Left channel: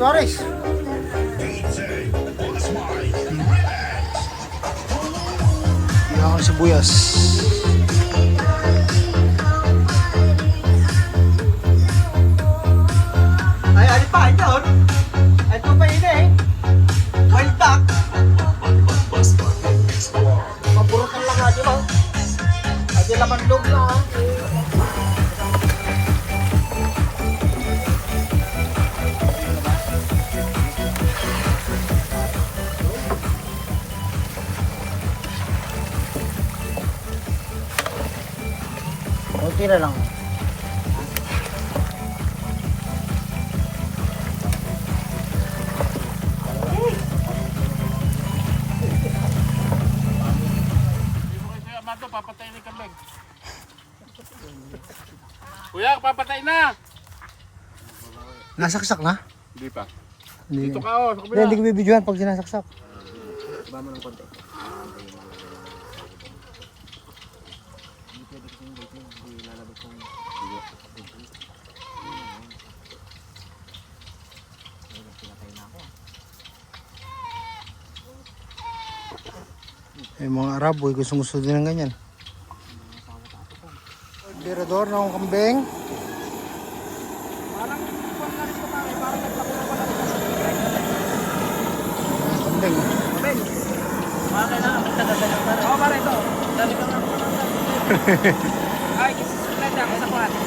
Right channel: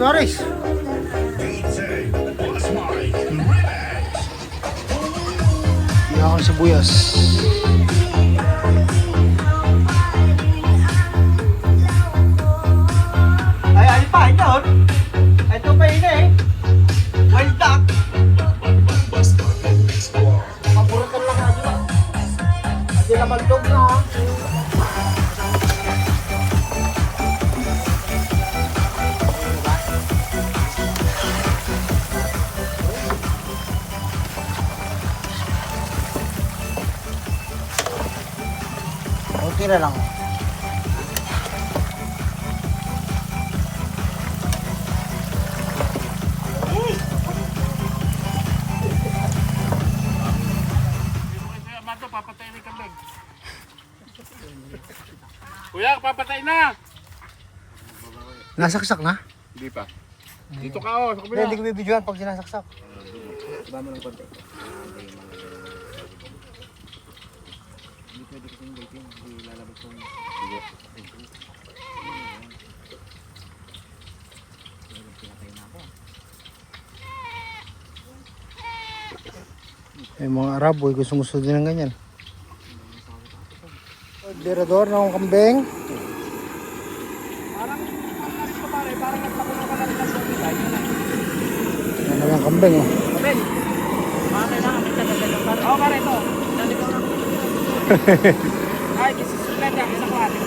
Torres. Hindi ako ng sibuyas. Ay, ay pa, ito. Ito pa ina eh. Wild duck. Mabulutol lang nga dito. Adi laman loob na. Kunti na lang. Papatay ni kambing. Kuya, papatay na. Nasaksak na? Hindi pa. Dito ka oh, sa kabila. Hindi ko bibidyohan pag sinasaksak. Iba mo ng konti. Mga Araboy gusto din ng ganyan. Dirador ng kambing. Parang nagpakulo ka lang sa Ang kambing oh. Kapil. Patay na, oo, pare ito. Ay, kasi suplete ako sa kuwate.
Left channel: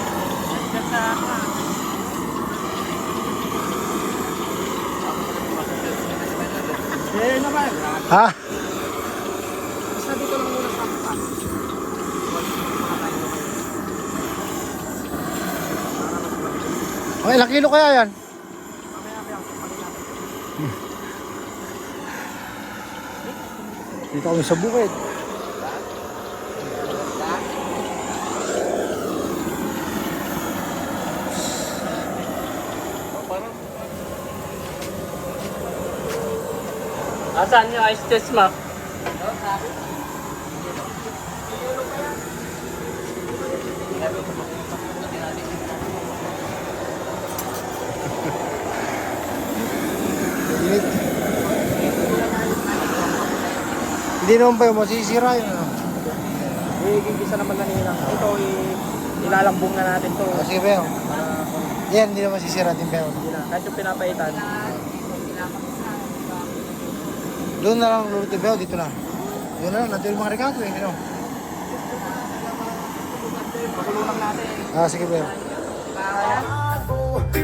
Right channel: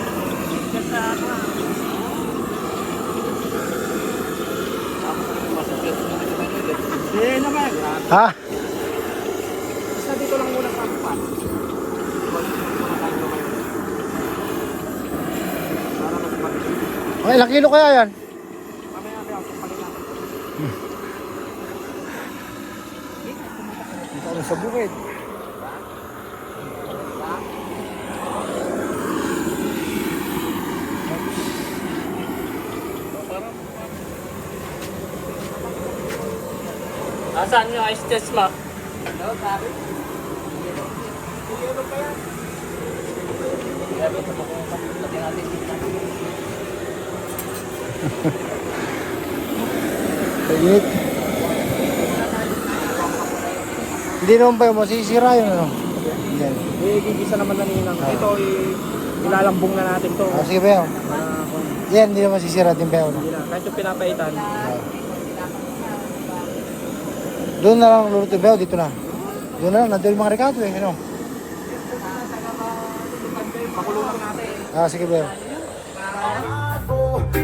Eh, naman. Ha? Basta dito lang muna pampapan. Muna tayo lumayo. Para magpapagin. Okay, ilang kilo kaya yan? Mamaya ako pagpagin natin. Dito kami sa bukid. Nasaan yung ice test mo? Init. Hindi naman ba yung masisira yun ano? Yan. Gigisa naman na nilang. Ito, ilalambong na natin to. Sige Beo. Para kung Yan, hindi naman masisira din Beo. No? hindi na. Kahit yung pinapaitan. Doon na lang luluto Beo, dito na. Doon na lang, nandun yung mga rekato eh. Ano? Pakulungan natin. Sige Beo.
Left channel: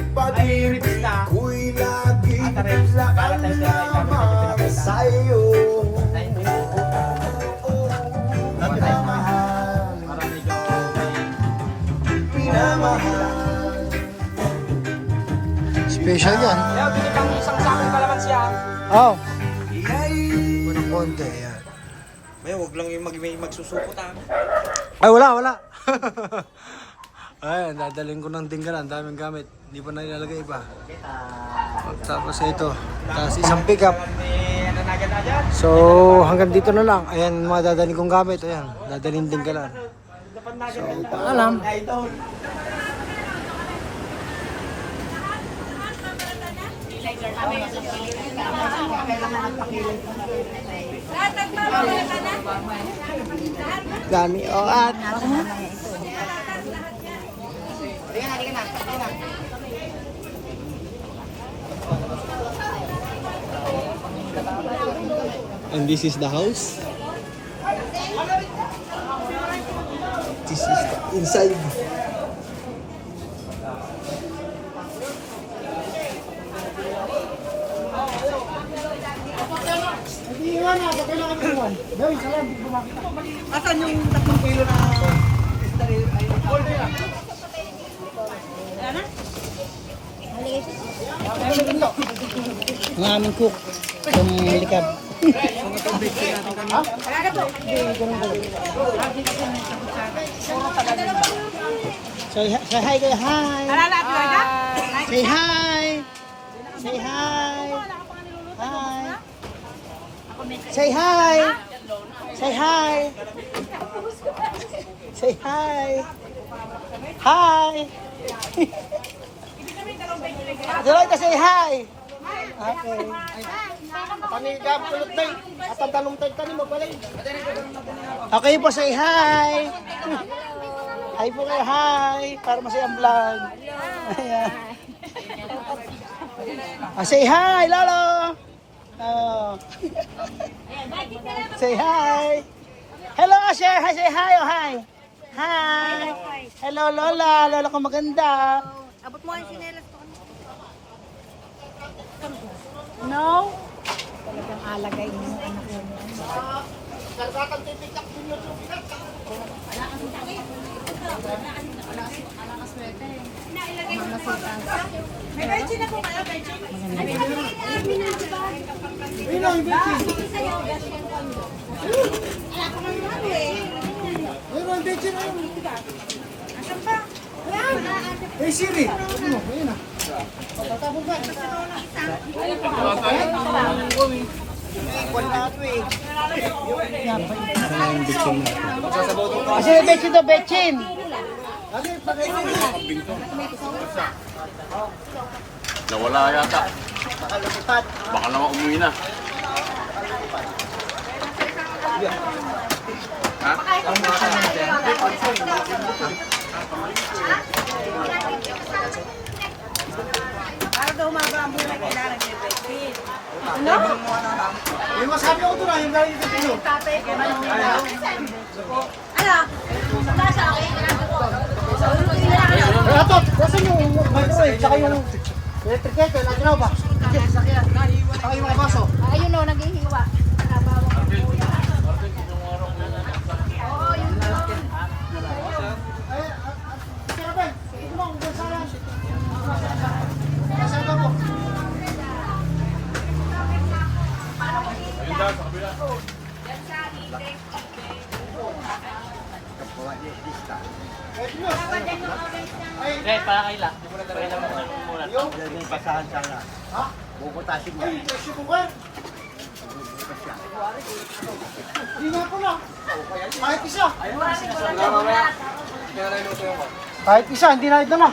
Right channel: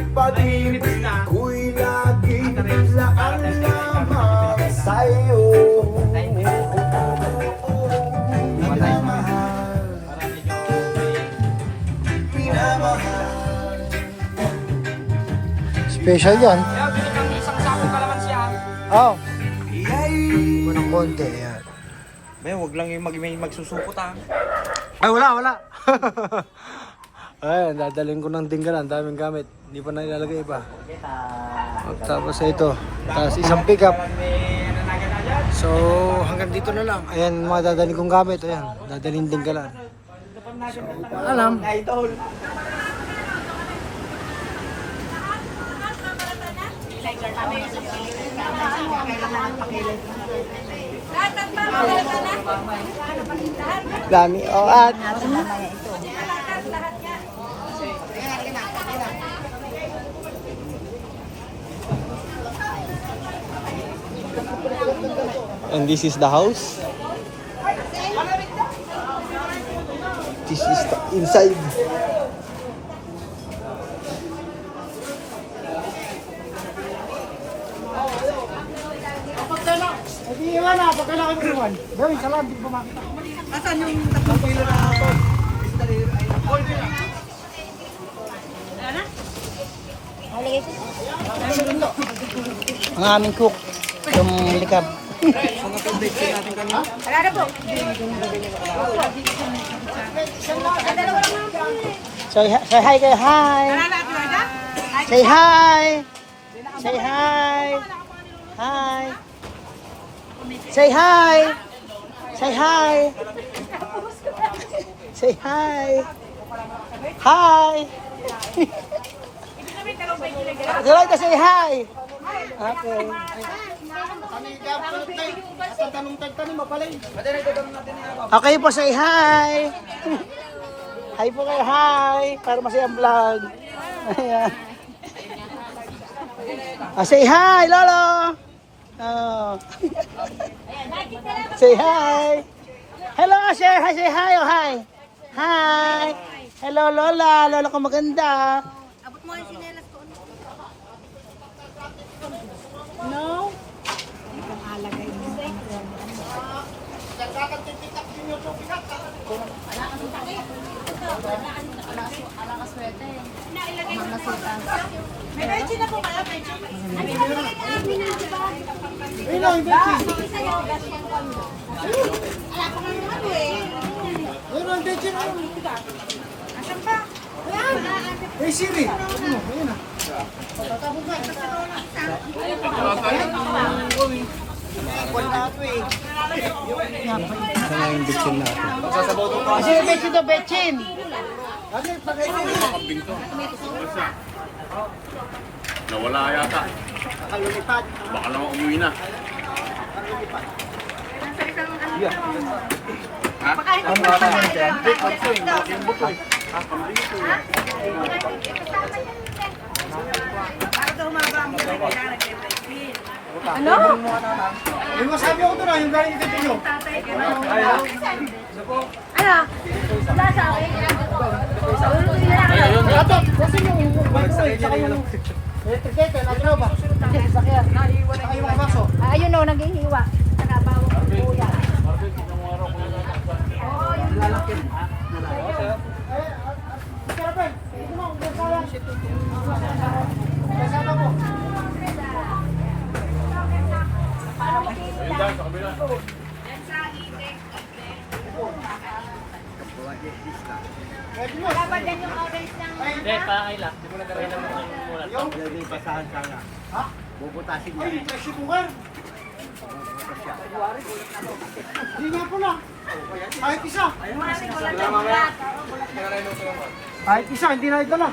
Pag-ibig na. Kuy lagi lamang sa'yo. Special yan. Kaya bili kang isang sakong kalaman siya. Oh. Unang konti, ayan. May wag lang yung may magsusukot ah. Ay, wala. Ayan, dadalhin ko ng dinggalan. Daming gamit. Hindi pa na ilalagay pa. Tapos ito. Tapos isang pickup. So, hanggang dito na lang. Ayan, mga dadalhin kong gamit. Ayan, dadalhin dinggalan. So, paalam. Dami o at and this is the house. This is the inside. Hindi iwan na, pag kailangan mo iwan. Gawin, salam, hindi ko makita. Asan yung 3 kilo na order na? Ang aming cook, yung likab. Mga pag-bake natin kanina. Say hi kayo, hi! Say hi! Say hi! Hi! Say hi! Say hi! Say hi! Hi! Diyan kasi hi. Okay. Panigap, tulot tayo. At ang tanong tayo mo pala yun. Okay po, say hi. Hi po kayo, hi. Para masayang vlog. Say hi, Lolo. Oh. Say hi. Hello, say hi, say hi, oh hi. Hi. Hello, Lola. Lola ko maganda. Abot mo ang sinelas ko. No? Talagang alagay mo ang anak mo. May betchin ako kaya, betchin. Ayun ang betchin. Wala ko nang ano eh. Ayun ang betchin. Asan pa? Hey Siri. Ayun na. Ayun ang betchin natin. Kasi betchin to betchin. Kambing to. Nawala yata. Baka naman umuwi na. Ha? Ano? Yung masabi ako doon, yung galing dito nyo. Ano? Ayun na. Kasi yung bike sa'yo, tsaka yung electric kettle, at ano ba? Nandiyan, sasakyan. Tsaka yung mga baso. Ayun o, naghihiwa. Dapat din yung orange ng... Ay, kasi ko ba? Hindi nga pala. Kahit isa. Kahit isa, hindi na ito na.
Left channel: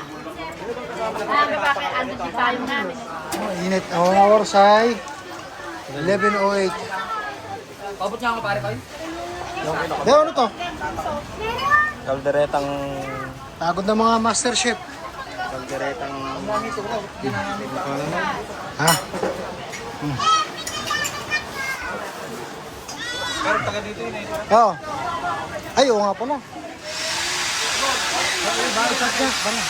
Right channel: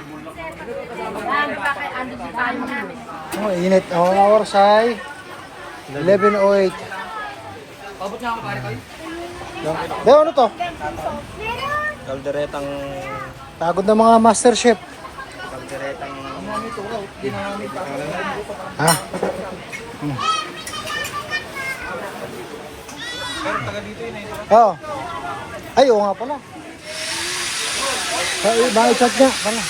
Marami pa kay Ando si Payo namin. Oh, init. Ang oras ay 11:08. Pabot nga ako pare kayo. Deo, ano to? Kalderetang Pagod na mga master chef. kalderetang ginamit pa. Ha? Oo. Ay, oo nga pala. Ay, bakit chat niya? Pala.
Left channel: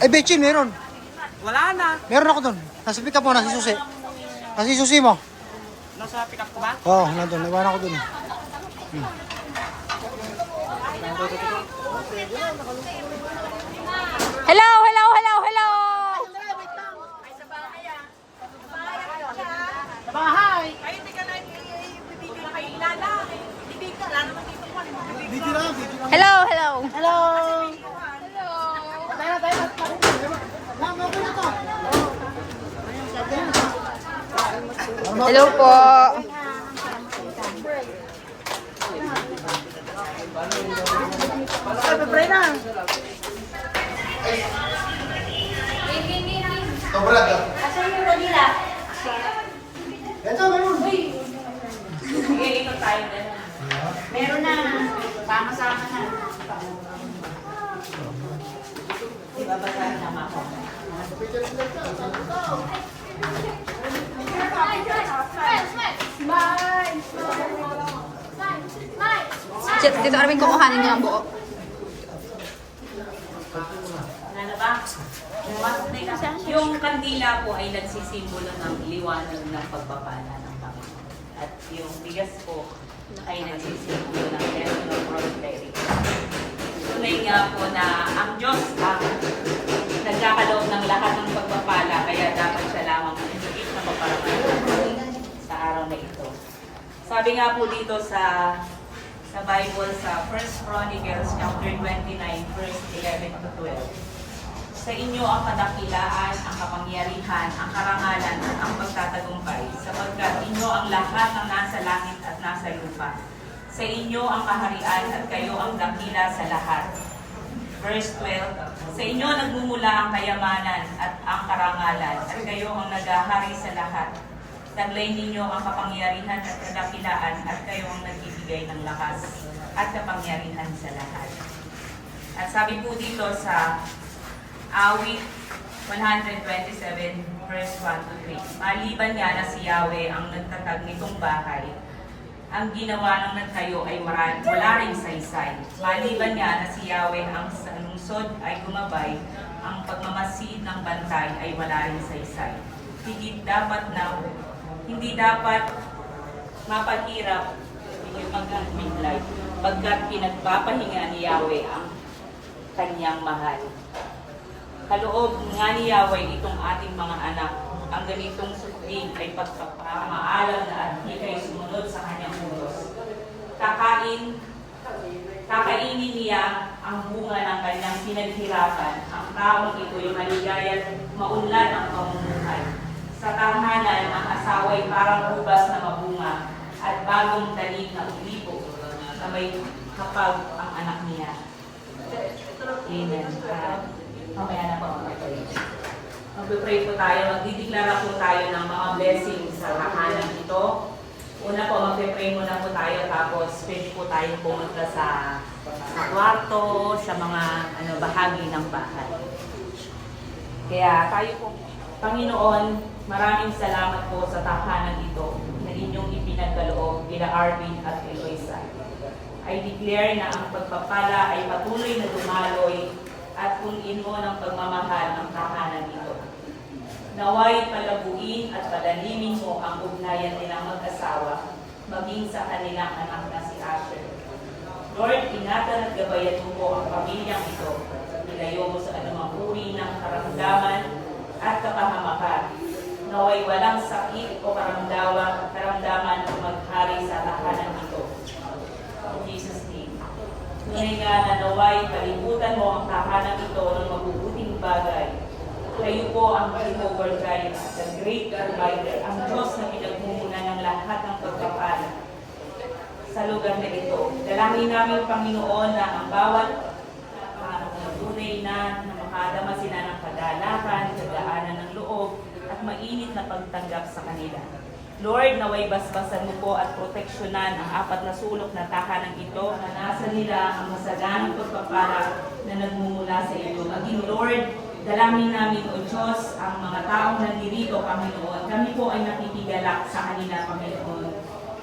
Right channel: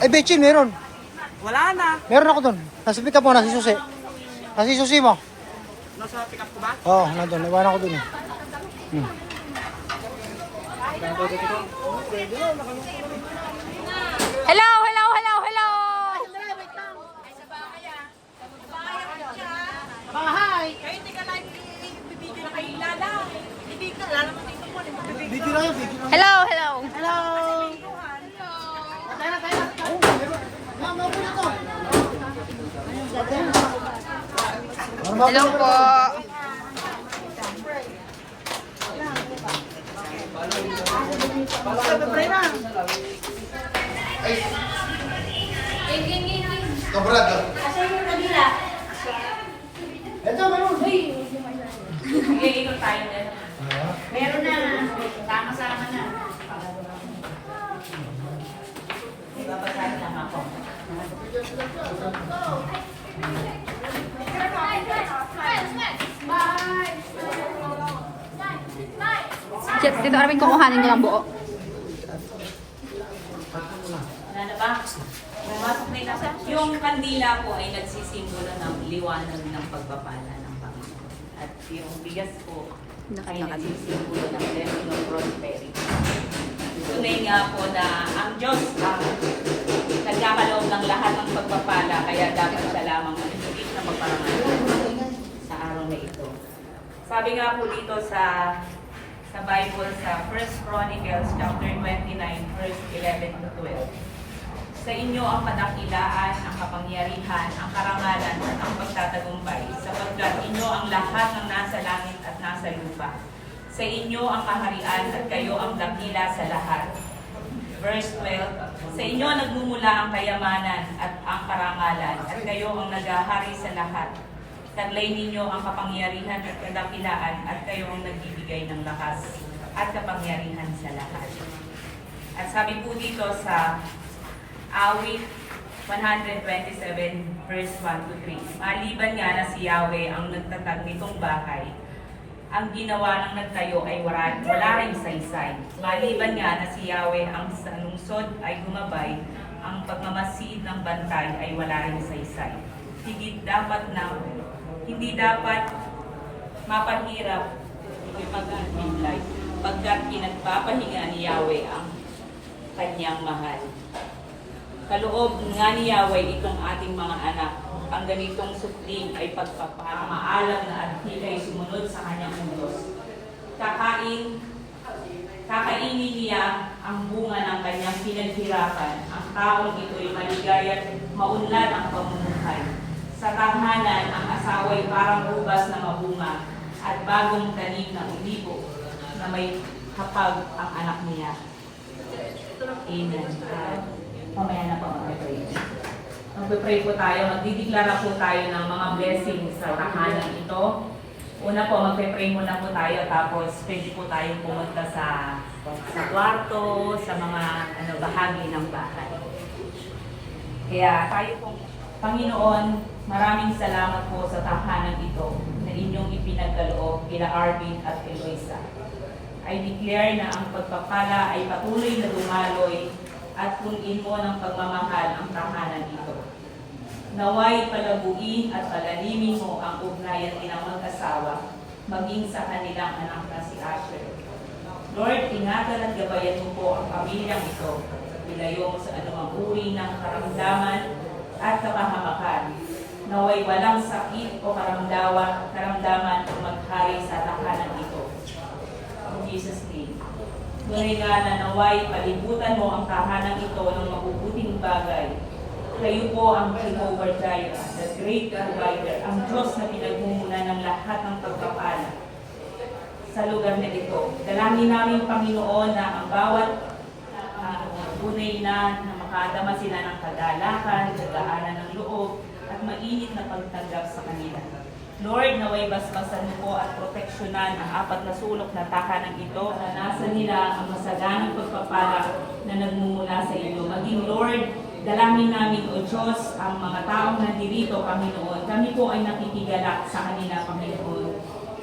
Ay, Betchin, meron. Wala na. Meron ako doon. Nasa pick up mo, nasa susi. Nasa susi mo. Nasa pick up ko ba? Oo, nandun. Naiwan ako doon eh. Hello, hello, hello, hello! Bahay! Video na yan, video na. Hello, hello! Hello! Tayo na, tayo na. Meron na to. Hello po! Ito, meron. Iikot tayo din. Meron na. Sama-sama na. Chet, dito kami kukuhanin niyo ng buo. Yung kandila po ay nagsisimbolo ng liwanag ng pagpapala ng Panginoon. At yung bigas po ay nagsisimbolo ng blessing of prosperity. Tunay nga po na ang Diyos nagkakaloob ng lahat ng pagpapala, kaya dapat siya lamang ang higit na paparangalan sa araw na ito. Sabi nga po dito sa Bible sa 1 Chronicles chapter 29 verse 11 to 12. Sa inyo ang kadakilaan, ang kapangyarihan, ang karangalan at ang pagtatagumpay, sapagkat inyo ang lahat ng nasa langit at nasa lupa. Sa inyo ang kaharian at kayo ang dakila sa lahat. Verse 12, sa inyo nagmumula ang kayamanan at ang karangalan at kayo ang naghahari sa lahat. Taglay ninyo ang kapangyarihan at kadakilaan at kayo ang nagbibigay ng lakas at kapangyarihan sa lahat. At sabi po dito sa awit 127 verse 1 to 3, maliban nga na si Yahweh ang nagtatag nitong bahay, ang ginawa ng nagtayo ay wala ring saysay. Maliban nga na si Yahweh ang lungsod ay gumabay, ang pagmamasid ng bantay ay wala ring saysay. Hindi dapat mapaghirap yung pag-midlife, pagkat pinagpapahinga ni Yahweh ang kanyang mahal. Kaloob nga ni Yahweh itong ating mga anak. Ang ganitong supling ay pagpapamaalam na at ay sumunod sa kanyang utos. Kakainin niya ang bunga ng kanyang pinaghirapan. Ang taong ito ay maligaya at maunlad ang pamumuhay. Sa tahanan, ang asawa ay parang ubas na mabunga at bagong tanim ng ulibo na may kapag ang anak niya. Amen. Mamaya na po mga ito. Mag-pray po tayo, magdideklara po tayo ng mga blessings sa tahanan ito. Una po, mag-pray muna po tayo, tapos pwede po tayo pumunta sa kwarto, sa mga bahagi ng bahay. Kaya tayo po, Panginoon, maraming salamat po sa tahanan ito na inyong ipinagkaloob kila Arvin at Eloisa. I declare na ang pagpapala ay patuloy na dumaloy at punin mo ng pagmamahal ang tahanan ito. Naway palabuin at palalimin mo ang ugnayan nilang mag-asawa, maging sa kanilang anak na si Asher. Lord, ingatan at gabayan mo po ang pamilyang ito. Ilayo mo sa anumang uri ng karamdaman at kapahamakan. Naway walang sakit o karamdaman o maghari sa tahanan ito. In Jesus' name. Tunay nga na naway palibutan mo ang tahanan ito ng mabubuting bagay. Kayo po ang Jehovah Jireh, the great provider, ang Diyos na pinagmumula ng lahat ng pagpapala sa lugar na ito. Dalangin namin, Panginoon, na ang bawat tunay na makadama sila ng kagalakan, kagaanan ng loob, at mainit na pagtanggap sa kanila. Lord, naway basbasan mo po at proteksyonan ang apat na sulok na tahanan ito na nasa nila ang masaganang pagpapala na nagmumula sa iyo. Maging Lord, dalangin namin, O Diyos, ang mga taong nandirito, Panginoon. Kami po ay nakikigalak sa kanila, Panginoon.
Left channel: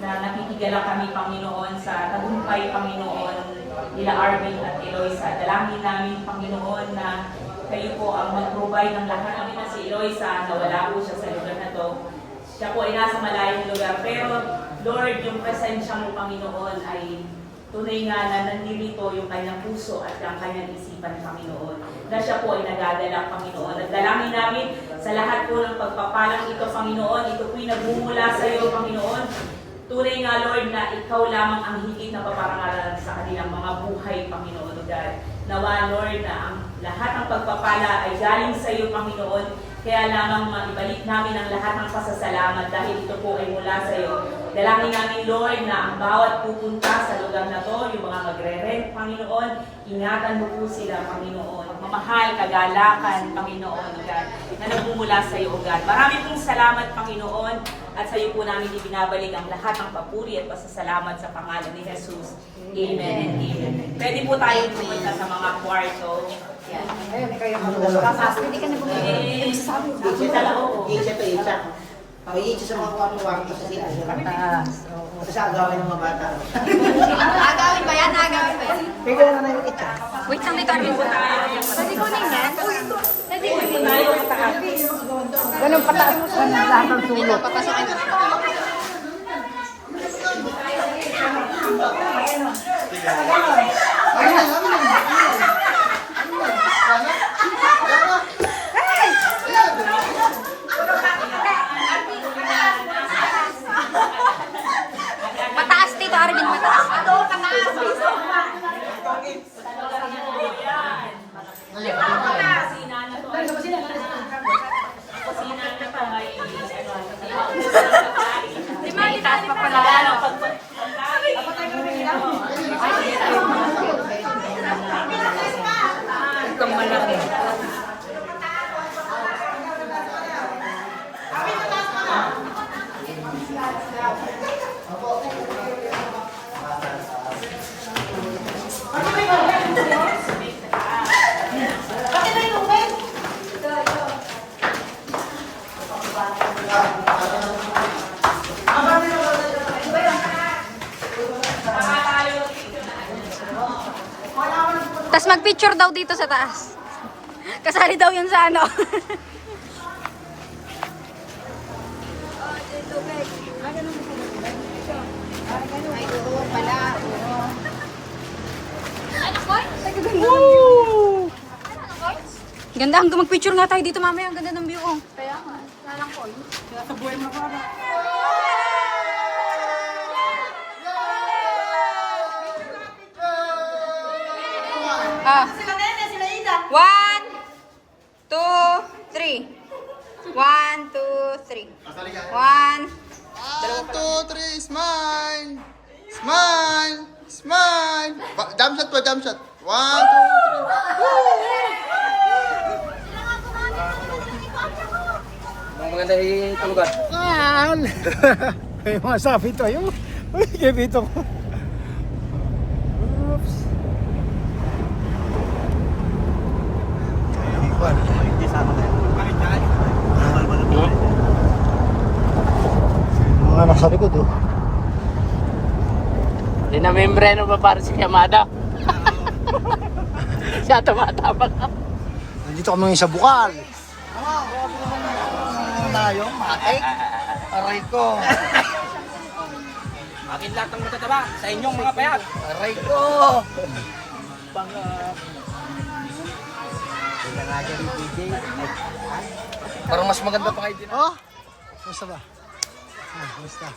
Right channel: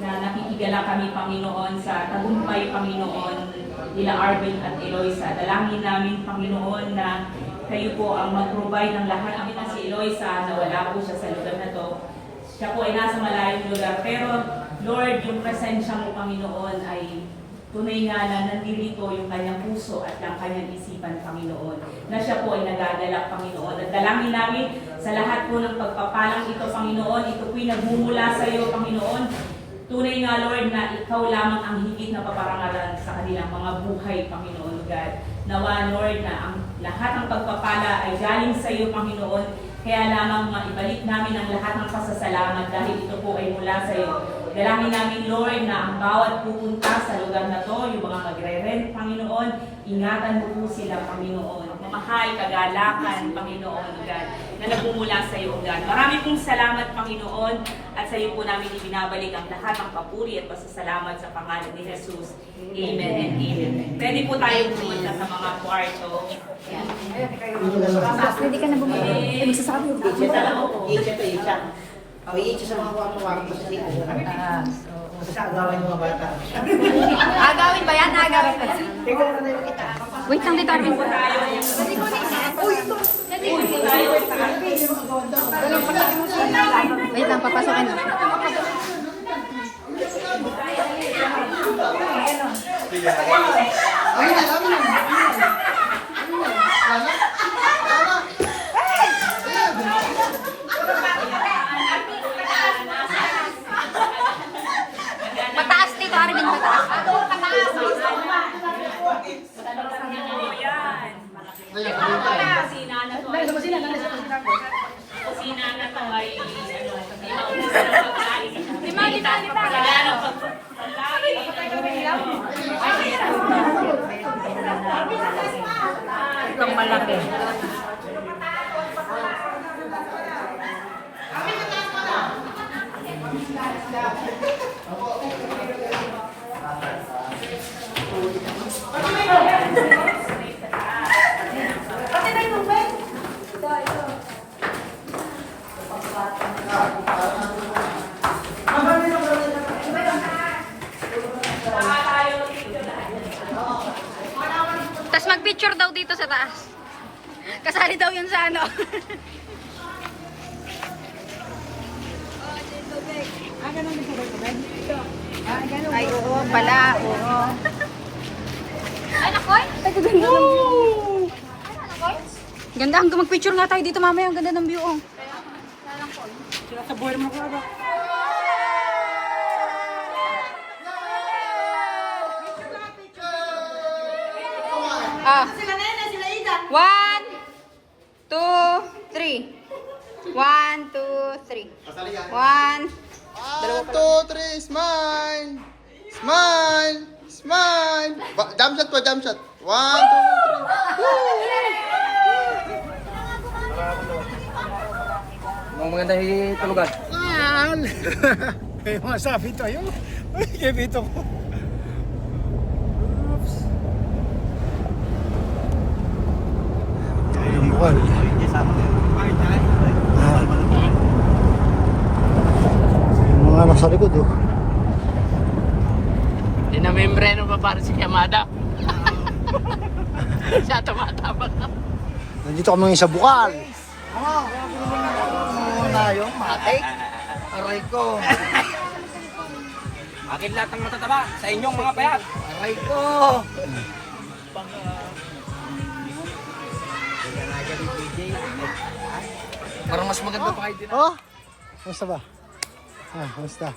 Na nakikigalak kami, Panginoon, sa tagumpay, Panginoon, nila Arvin at Eloisa. Dalangin namin, Panginoon, na kayo po ang mag-provide ng lahat. Kami na si Eloisa, na wala po siya sa lugar na to. Siya po ay nasa malayong lugar. Pero, Lord, yung presensya mo, Panginoon, ay tunay nga na nandito yung kanyang puso at ang kanyang isipan, Panginoon. Na siya po ay nagagalak, Panginoon. At dalangin namin sa lahat po ng pagpapalang ito, Panginoon. Ito po'y nagmumula sa iyo, Panginoon. Tunay nga, Lord, na ikaw lamang ang higit na paparangalan sa kanilang mga buhay, Panginoon. God. Nawa, Lord, na ang lahat ng pagpapala ay galing sa iyo, Panginoon. Kaya lamang maibalik namin ang lahat ng pasasalamat dahil ito po ay mula sa iyo. Dalangin namin, Lord, na ang bawat pupunta sa lugar na to, yung mga magre-rent, Panginoon, ingatan mo po sila, Panginoon. Mamahal, kagalakan, Panginoon, God, na nagmumula sa iyo, God. Marami pong salamat, Panginoon, at sa iyo po namin ibinabalik ang lahat ng papuri at pasasalamat sa pangalan ni Jesus. Amen and amen. Pwede po tayo pumunta sa mga kwarto. Yan. Pwede ka nagsasabi. Itcha. May itcha sa mga kwarto-kwarto sa sila. Kasi agawin ng mga bata. Agawin ba yan? Agawin ba yan? Pwede na yung itcha. Wait, lang dito. Pwede po tayo. Ganun, palaki mo sa mataas dito, Arvin, mataas. Kusina na to ay Itaas pa pala. Tapos mag-picture daw dito sa taas. Kasali daw yun sa ano. Ay, oo pala, oo. Ganda, hanggang mag-picture nga tayo dito mamaya. Ang ganda ng view, oh. Ah. 1, 2, 3. 1, 2, 3. 1, 1, 2, 3, smile! Smile! Smile! Jump shot po, jump shot. 1, 2, 3. Ang maganda ano ka? Yan! Kaya masabi ito. Yung kaya dito ko. Oops. Talang buwan. Mga nasa likod, oh. Hindi na membre ano ba para si Yamada? Siya tumatapag ko. Nandito kami ngayon sa Bukal. Aray ko. Akin lahat ng matataba sa inyong mga payat. Aray ko. Parang mas maganda pa kayo din. Oh! Kamusta ba? Ah, kamusta?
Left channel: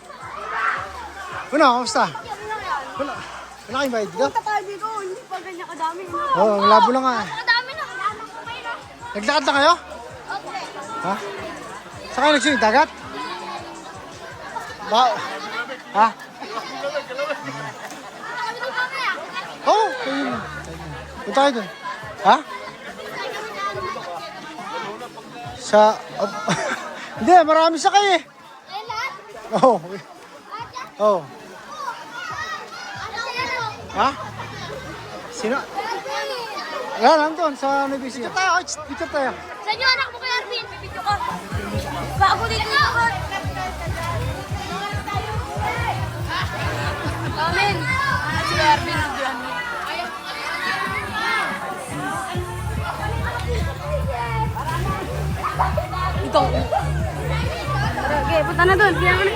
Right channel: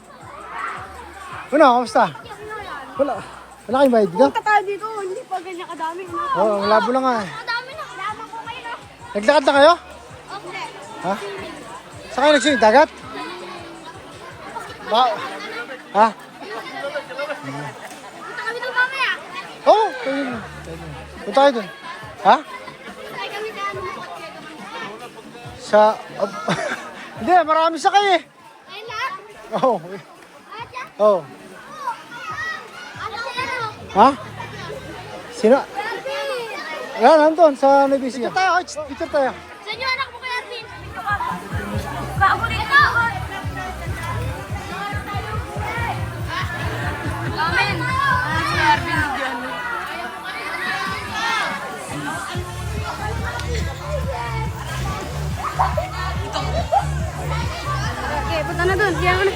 Ano, kamusta? Wala. Wala kayong bayad ka? Katabi ko, hindi pa ganyan kadami. Oo, oh, malabo lang nga eh. Kadami na, kadami ko kayo. Naglakad na kayo? Okay. Ha? Saan kayo nagsinig? Dagat? Ba? Ha? Punta kami doon mamaya. Oo, oh, kayo na. Punta kayo dun. Ha? Ay kami na ano. Sa... Hindi, marami sa kayo eh. Ay lahat. Oo. Lahat yan. Oo. Ano sino? Ha? Sino? Yan, nandun sa Nebisi. Dito tayo, dito tayo. Sa inyo anak mo kaya Arvin. Dito ka. Bago dito na. Amen. Si Arvin. Ito. Okay, punta na doon. Diyan ka na.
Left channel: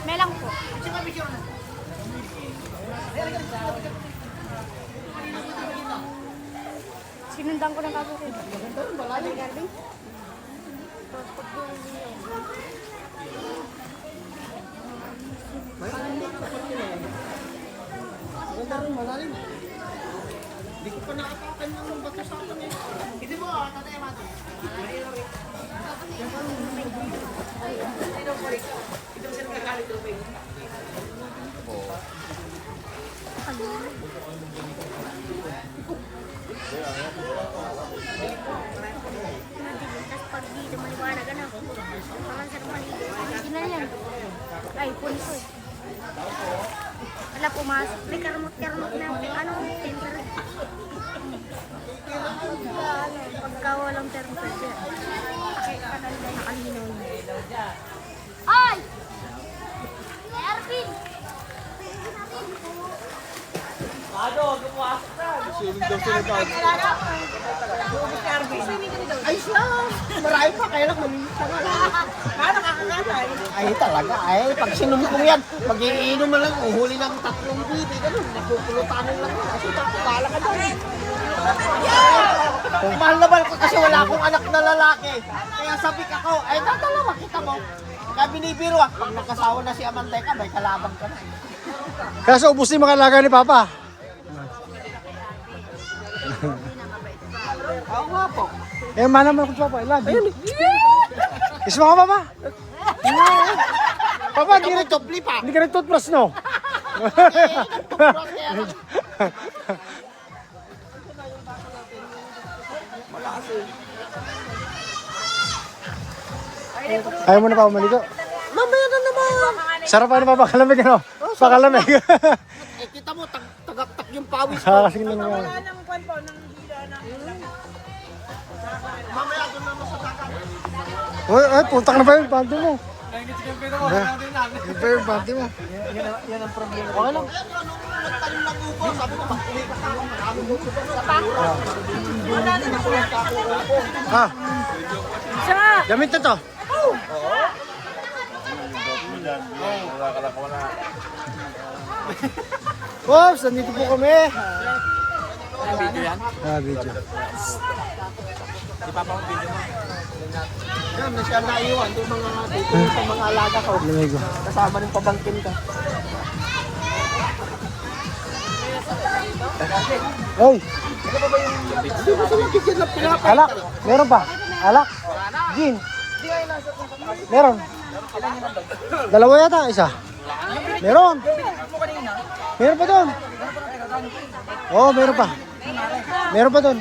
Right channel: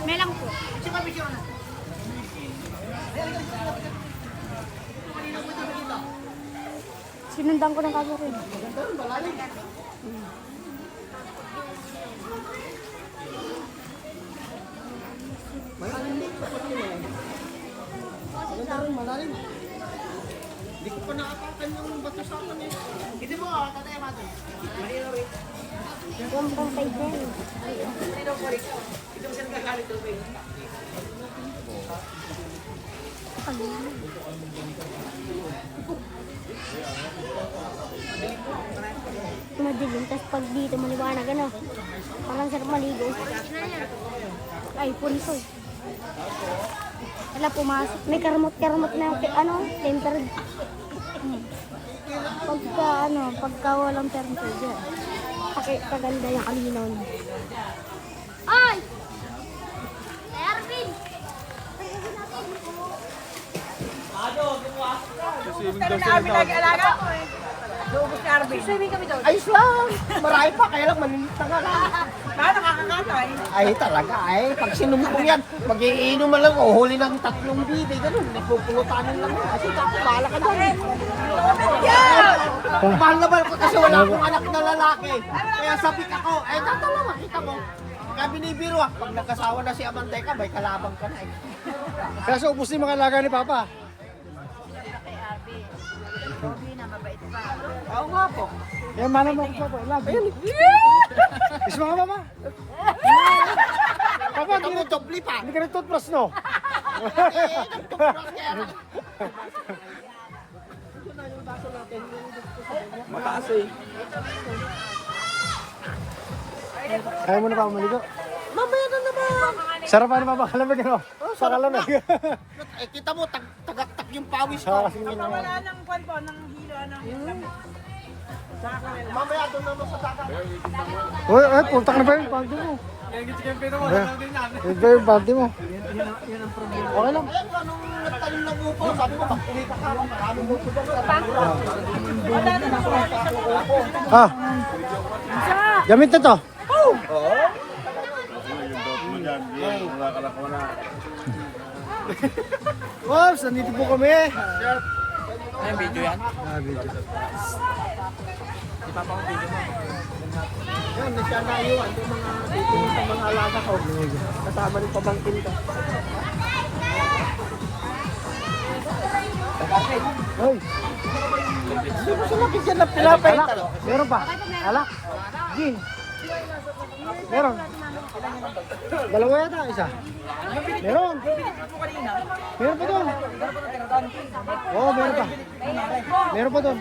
May lang po. Sinundan ko ng kaso rin. Maganda rin, malalim. Hindi ko pa nakatakan ng bato sa akin eh. Hindi mo, tatay mato. Malino rin. Malino po rin. Hindi mo siya nagkakalit tubig. Madilim, tapos pag dito maliwanag, ano? Parang sarap maligo. Sino na yan? Ay, punso eh. Wala, pumasok. May karamot-karamot na yung, ano, temper. Pagka walang temper dyan. Kaganda yung kalinaw niya. Ay! Ervin! Ayos lang. Marami pa, kaya lang manita nga lang. Ay talaga, ay pag sinumpong yan, mag-iinom man lang, huli lang 3 bide, ganun, napupulutan lang. Mahal naman ko kasi wala akong anak na lalaki. Kaya sabi ako, ay tatanong, kita mo. Kaya binibiro pag nagkasawa na si Amanteka, may kalabang ka na eh. Kaso ubus yung mga alaga ni Papa. Oo nga po. Eh, mana mo ko Papa, ilan? Isma ka Papa? Papa, di ka hindi ka nag-toothbrush, no? Ayaw mo na pa maligo? Mamaya na naman. Sarap ano Papa, kalamig ano? Pakalamig. Eh kita mo, tagaktak yung pawis ko. Kakasing lang mo. Mamaya doon naman sa takat. Uy, ay, puntak na ba yun? Panty mo. Iba yung panty mo. Okay lang. Ayan, anong nagtanim ng upo? Sabi ko, mag-uwi ka ka. Maraming upo dyan sa tanura. Wala na nasulat sa ako upo. Ha? Gamit na to. Oops, nandito po kami. Ano video yan? Video. Ipapa ko video mo. Yan, may siya naiwan. Doon mga dito sa mga alaga ko. Lamigo. Kasama rin pabangkin ka. Hoy, Hindi ba sa mga bigyan na pinapay? alak. Meron ba? Alak? Gin. Meron. Dalawa yata, isa. Meron. Meron pa doon. Oo, meron pa. Meron pa doon.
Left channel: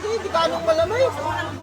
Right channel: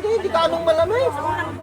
Hindi ka anong malamig.